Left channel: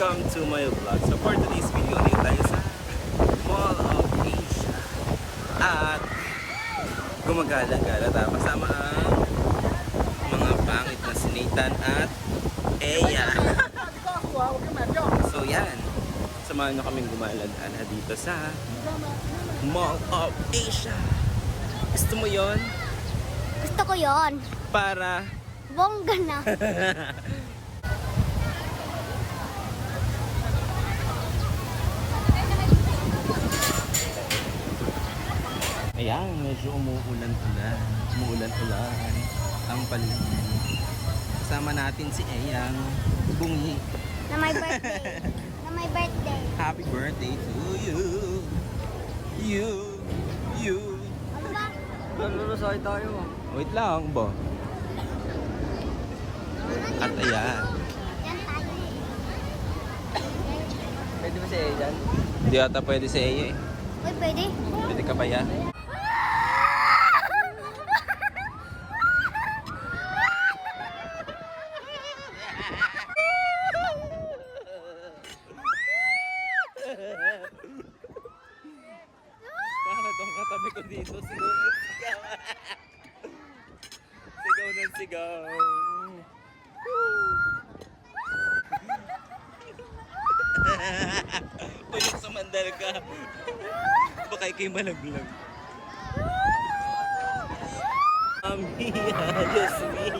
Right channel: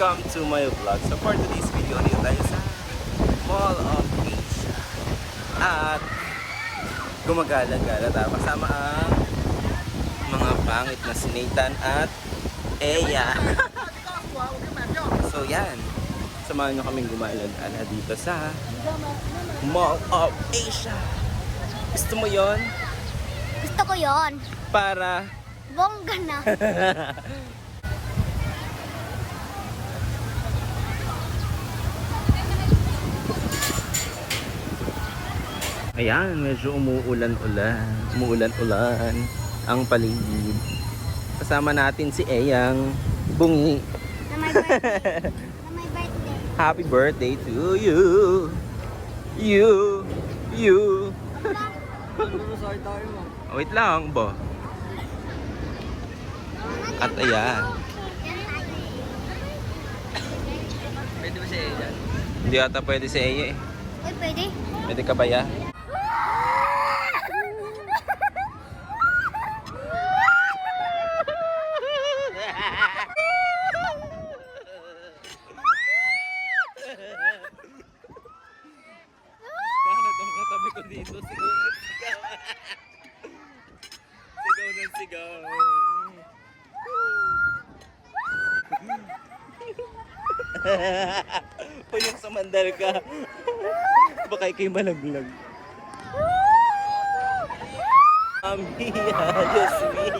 welcome to my vlog. So for today's video, dito tayo sa Mall of Asia. At gumagala-gala tayo kasama ang mga pangit na si Nathan at Eya. So yan, samahan nyo kaming gumala-gala dito sa Mall of Asia. Gusto mo yon? Gusto ko yon. Para Bongga na. Ayan, medyo umuulan-ulan. Umuulan-ulan ang paligid. Kasama natin si Eyang Bungi. Na my birthday. Na my birthday. Happy birthday to you. You. Ano ba? Naglalasay tayo. Wait lang ba? At ayan. Yan tayo. Pwede ba siya dyan? Hindi ata pwede si Eya eh. Uy, pwede? Pwede ka ba ya? Bakit ang katabi ko dito? Sigaw na sigaw. Sigaw na sigaw. Tulong sa mandal ka. Baka ikay malaglag. Amiya, Diyos mío.